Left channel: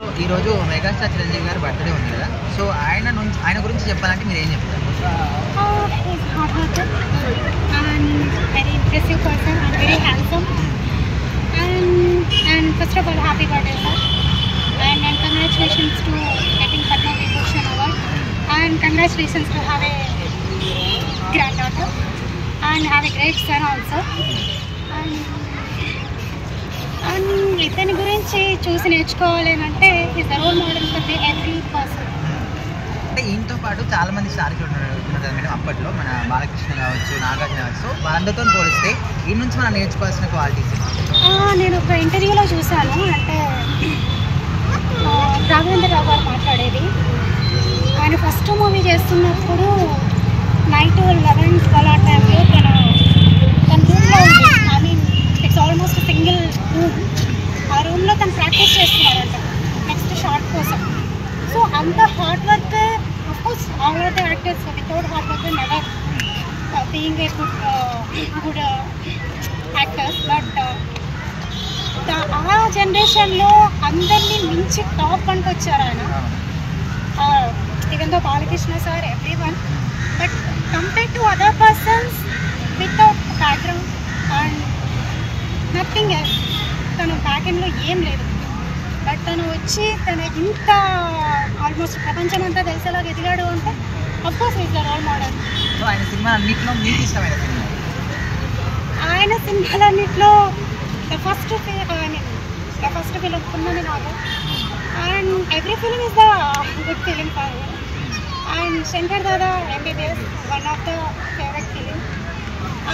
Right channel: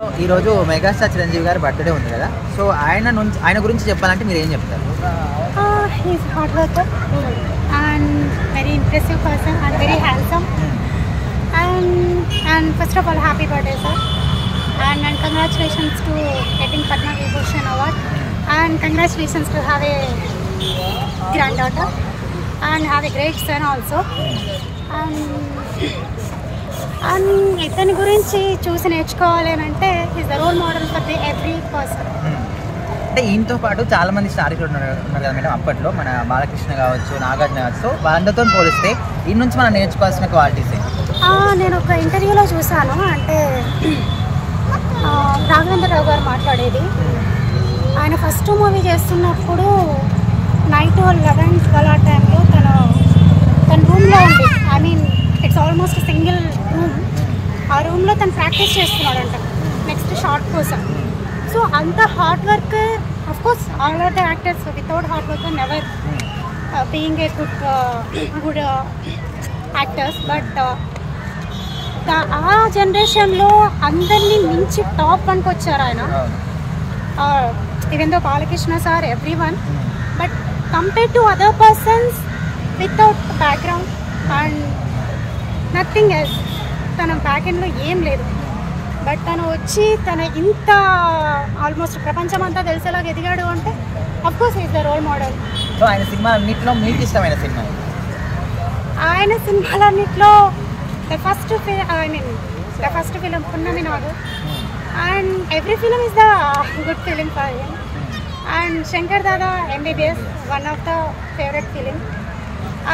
ఈరోజు మెగాస్టార్ చిరంజీవి గారి బర్త్డే ఉంది కదా, సో ఆయన గురించి చెప్పాలంటే మీరు ఏం చెప్తారు? He's hard worker and very impressive person and very handsome. And first of all, happy birthday, sir. And congratulations to getting Padma Vibhushan award. And congratulations to have a granddaughter and have a great son also. And ఇతని గురించి చూసి నేర్చుకోవాలి అని అంటే is the role model for the every person. అంటే ఈయనతో పాటు చాలా మంది స్టార్ ఉన్నారు కదా మేడం, అప్పట్లో మన బాలకృష్ణ కావచ్చు, నాగార్జున కావచ్చు, సో వాళ్ళందరితో పోలిస్తే ఈ నుంచి మనం నేర్చుకోవాల్సిన క్వాలిటీస్. నేను ఒక ఇంటర్వ్యూలో చూశాను, అంటే రాఘవేంద్రరావు గారు మాట్లాడేది. ఆయన ఫస్ట్ మూవీ చేస్తున్నప్పుడు నైట్ 11-12 ఆ టైంలో తన రూమ్లో ఉంది. I mean it's almost single room. ఆ రూమ్లో తను ప్రాక్టీస్ చేస్తున్నాడంట నెక్స్ట్ షార్ట్ కోసం. సో అంత hard work, of course all are the actors without hard work never being a good actors. But ఆ జనరేషన్లో అందరినీ మించి టాప్ వన్కి వచ్చారు ఆయన. Even though Balakrishna sir every one, but compare to other persons without background and nothing else, తన బ్యాక్ఎండ్లో ఏం లేదు. బట్ తను వచ్చి తన ఇంత ఆల్మోస్ట్ ప్రపంచం అంతా తెలిసేలాగా ఎదిగాడు అంటే of course is the role model. So ఆయన సినిమాలన్నింటిలో మీకు ఇష్టమైన సినిమా? ఆయన సినిమాలన్నింటిలో ద ఫస్ట్ ఫిలిం పున్నమి Nagar, and every film is the good film for him. And Shankar Dada MBBS one of the favourite film.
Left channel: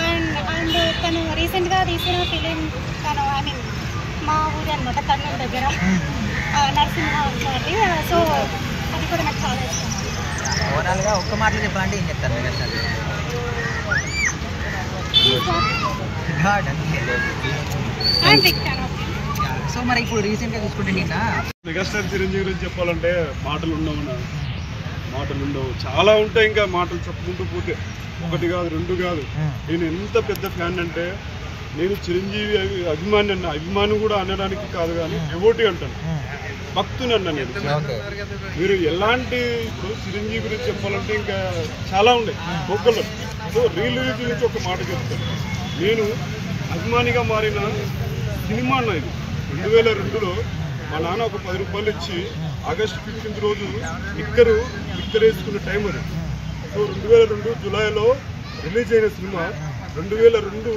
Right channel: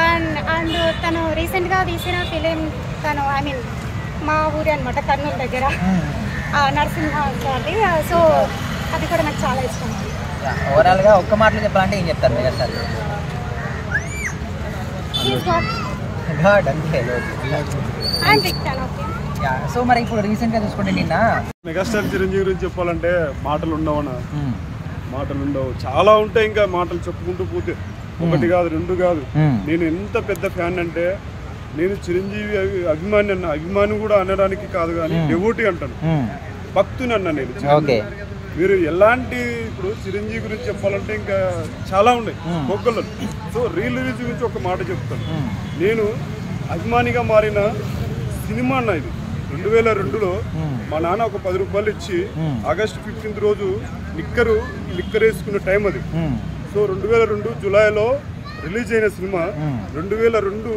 And తను రీసెంట్గా తీసిన ఫిలిం తను ఐ మీన్ మా ఊరి అనమాట, కర్నూలు దగ్గర నరసింహ గారి. సో అది కూడా నాకు చాలా ఇష్టం. ఓవరాల్గా ఒక్క మాటలో చెప్పాలంటే ఏం చెప్తారు మెగాస్టార్? సో మరి ఇప్పుడు రీసెంట్గా చూసుకుంటే నిన్న మెగాస్టార్ చిరంజీవి గురించి చెప్పాలంటే మాటలు ఉండవు, చాలా ఉంటాయి. ఇంకా మాటలు చెప్పుకుంటూ పోతే ఒకటి కాదు, రెండు కాదు. నేను ఎంత పెద్ద ఫ్యాన్ అంటే, నేను చిరంజీవి అభిమాని కూడా అనడానికి కాదు కానీ డెవోటీ అంటాను, భక్తుని అన్నా నేను. మీరు ఎలాంటి ఇప్పుడు చిరంజీవి గురించి చెప్పాలంటే ఇంకా చాలా ఉన్నాయి ఒక్కళ్ళు. సో రిలీజ్ గురించి ఒక మాట చెప్తాను. నేను అభిమానిగా మారిన సినిమా అన్న ఇది 2002లో మా నాన్న ఒక 10 రూపాయలు ఇచ్చి ఆగస్టు 15 రోజు లిక్కర్ వేసుకున్న టైం అది. సో 2002 జూలైలో రిలీజ్ అయిన సినిమా 2002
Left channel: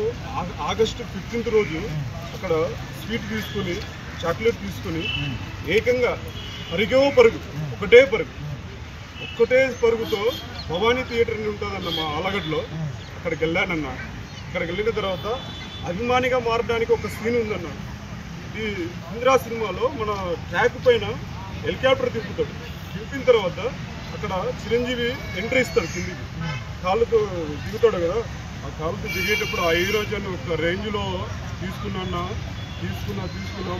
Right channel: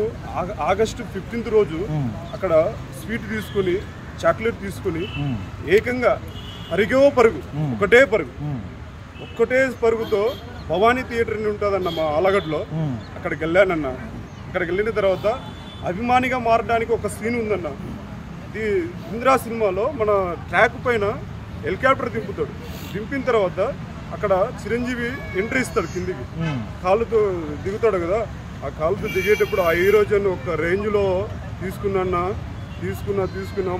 ఆగస్టు 15 రోజు అక్కడ స్వీట్ తీసుకుని, చాక్లెట్ తీసుకుని ఏకంగా ఒకటే పరుగుతో భవానీ థియేటర్ అని ఉంటుందన్న మా ఆలగడ్డలో, అక్కడికి వెళ్ళానన్న. అక్కడికి వెళ్ళిన తర్వాత అభిమానిగా మారడానికి ఒక సీన్ ఉందన్న. ఇది ఇంద్రా సినిమాలో మన ట్రాక్ పైన హెలికాప్టర్ దింపిన తర్వాత అక్కడ చిరంజీవి ఎంట్రీ ఇస్తాడు, కిందికి కాళ్ళతో దిగుతాడు కదా. ఆ కాళ్ళతో దిగేటప్పుడు ఆ హీరోజన్ ఒక రేంజ్లో తీసుకున్న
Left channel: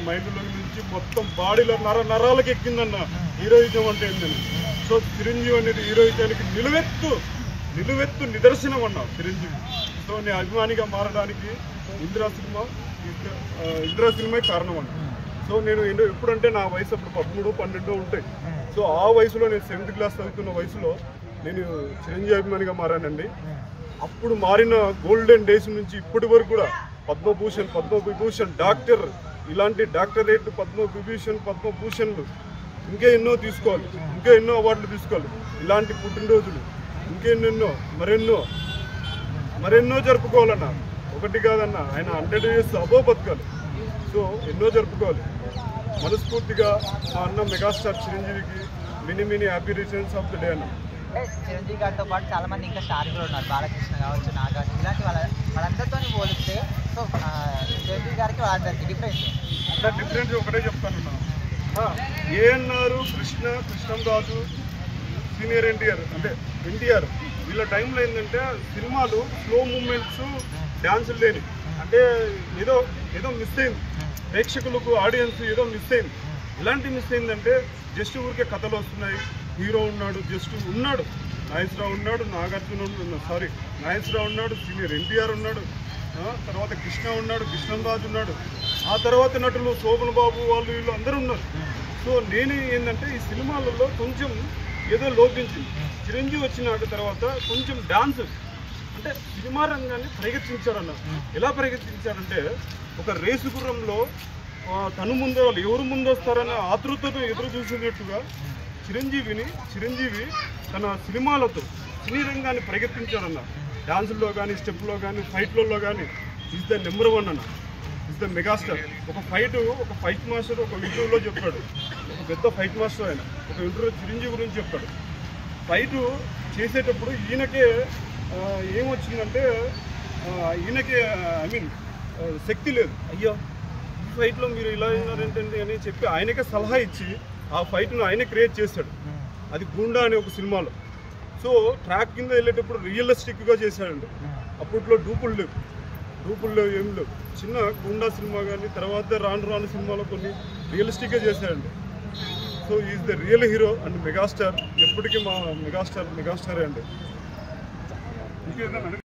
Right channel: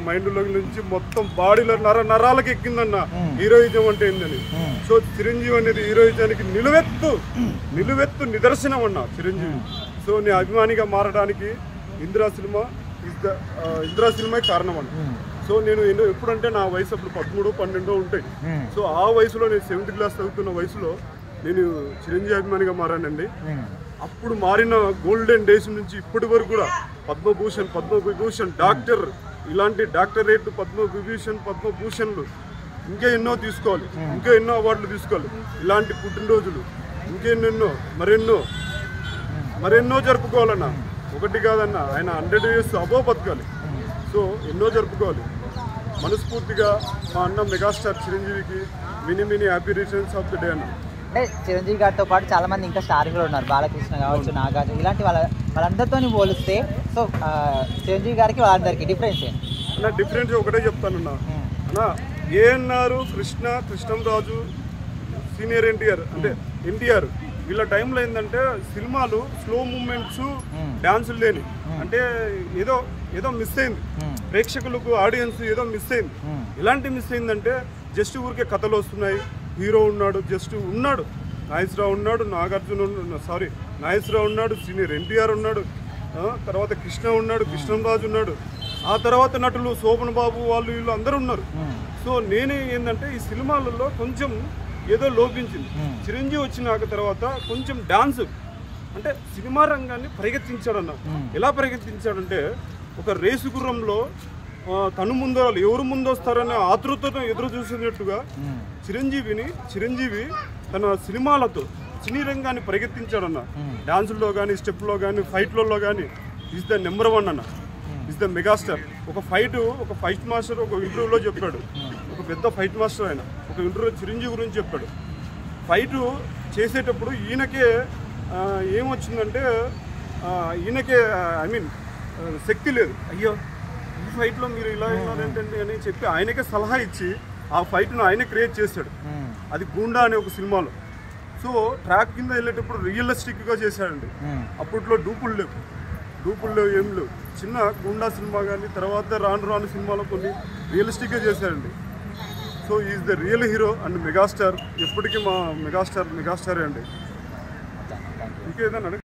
మైండ్లో నుంచి మొత్తం బాడీలో నరాలకు ఎక్కిందన్న హీరోయిజం అంటే ఏందని. సో చిరంజీవి అనేది హీరోయిజానికి నిలువెత్తు నిదర్శనం అన్న చిరంజీవి. సో నేను అభిమానిగా మారడానికి ఇందిరా సినిమా కారణం అన్న. సో నేను ఎప్పుడంటే నా వయసు అప్పుడు 13-12 ఉంటాయి. సో ఆ వయసులో నేను 7th క్లాస్ చదువుతున్న వయసులో నేను చిరంజీవి అభిమానిగా మారానండి. అప్పుడు మారిన గోల్డెన్ డేస్ నుంచి ఇప్పటి వరకు కూడా పద్మవిభూషణ్ డాక్టర్, ఇలాంటి డాక్టరేట్, పద్మభూషణ్లు ఇంకా ఎన్నో తీసుకోవాలి, ఇంకా ఎన్నో అవార్డులు తీసుకోవాలి. ఇలాంటి పుట్టినరోజులు ఇంకెన్నెన్నో మరెన్నో జరుపుకోవాలన్న. ఒకటి కాదన్న, ఆయన 100 years అబోవ్ బతకాలి. సో ఎన్నో జరుపుకోవాలి. మనస్ఫూర్తిగా మా అన్న మెగాస్టార్ చిరంజీవికి mini happy returns of the day అన్న. అంటే చిరంజీవి గారితో పాటు చాలా మంది ఇంకా స్టార్ కూడా ఉన్నారు, బాలకృష్ణ కావచ్చు, నాగార్జున, ఇలాంటి వాళ్ళందరితో పోలిస్తే సో చిరంజీవి గారికి వాళ్ళందరికీ డిఫరెన్స్ నా డిఫరెన్స్ ఒకటే చెప్తానన్నా. అన్న ఏఎన్ఆర్, కృష్ణంరాజు, సీనియర్ ఎన్టీఆర్ వీళ్ళ టైంలో ఏంటంటే సినిమాలు స్లో మూమెంట్స్, డాన్సులు లేని, అంటే ఏదో మిస్ అయింది, ప్రేక్షకులకు ఆడియన్స్ ఏదో మిస్ అయింది. ఎలాంటి మిస్ అయిందంటే జస్ట్ ఊరికే కథలు వస్తున్నాయి, హీరో ఉన్నాడు, నాగేశ్వరరావు ఉన్నాడు, నాగేశ్వరరావు ఉన్నాడు, సీనియర్ ఎన్టీఆర్ ఉన్నాడు, తర్వాత కృష్ణంరాజు ఉన్నాడు, ఆ తర్వాత నటులు శోభన్ బాబు వాళ్ళు వీళ్ళు అందరూ ఉన్నారు. సో నేను ఏంటంటే ఈ సినిమాలలో కొంచెం ఏదో లోపించింది. చిరంజీవి వచ్చినాక తర్వాత కొంచెం డాన్స్ అంటే సినిమా రంగాన్ని పరిగెత్తించాడన్న. ఎలా పరిగెత్తించాడంటే ఒక రేసు గుర్రంలో తను ముందు ఎవరు ముందు వస్తారనే ఆతృతతో ఎదురు చూసినట్టుగా చిరంజీవి తన సినిమాలతో సినీ రంగాన్ని పరిగెత్తించాడన్న. డాన్సుల్లో కానీ, స్టెప్లో కానీ, ఫైట్లలో కానీ ఈజ్ ద నెంబర్ 1 అన్న. Is the megastar. ఒక ఫైట్ మాస్టర్ ఒక ఇంటర్వ్యూలో చెప్పాడు. ఒక పెద్ద ఫైట్ మాస్టర్ ఆయన ఒక ఇంటర్వ్యూ చిరంజీవి గురించి చెప్పాడు. ఫైట్ చేసేటప్పుడు ఈయనకే ఏమొచ్చిందంటే ఈయనకే శక్తి లేదు. అయ్యో ఈ ఫైట్లో మీరు ఇలా ఉన్నారేంటండి అని చెప్పి ఆయనకే సలహా ఇచ్చి ఆ ఫైట్ను ఆయనే క్రియేట్ చేశాడు. అది గూండా అనే ఒక సినిమాలో. సో ట్రాక్ కింద వెళ్ళేటప్పుడు రియలిస్టిక్గా చేశాడండి. అప్పట్లో డూపులు లేవు, ఏం లేవు. చిన్న గూండా సినిమా కానీ తర్వాత రాను సినిమాలో కొన్ని రియలిస్టిక్గా చేశాడండి. So is the real hero and megastar. ఎప్పటికీ మా మెగాస్టారే అండి. ఇంకేదన్నా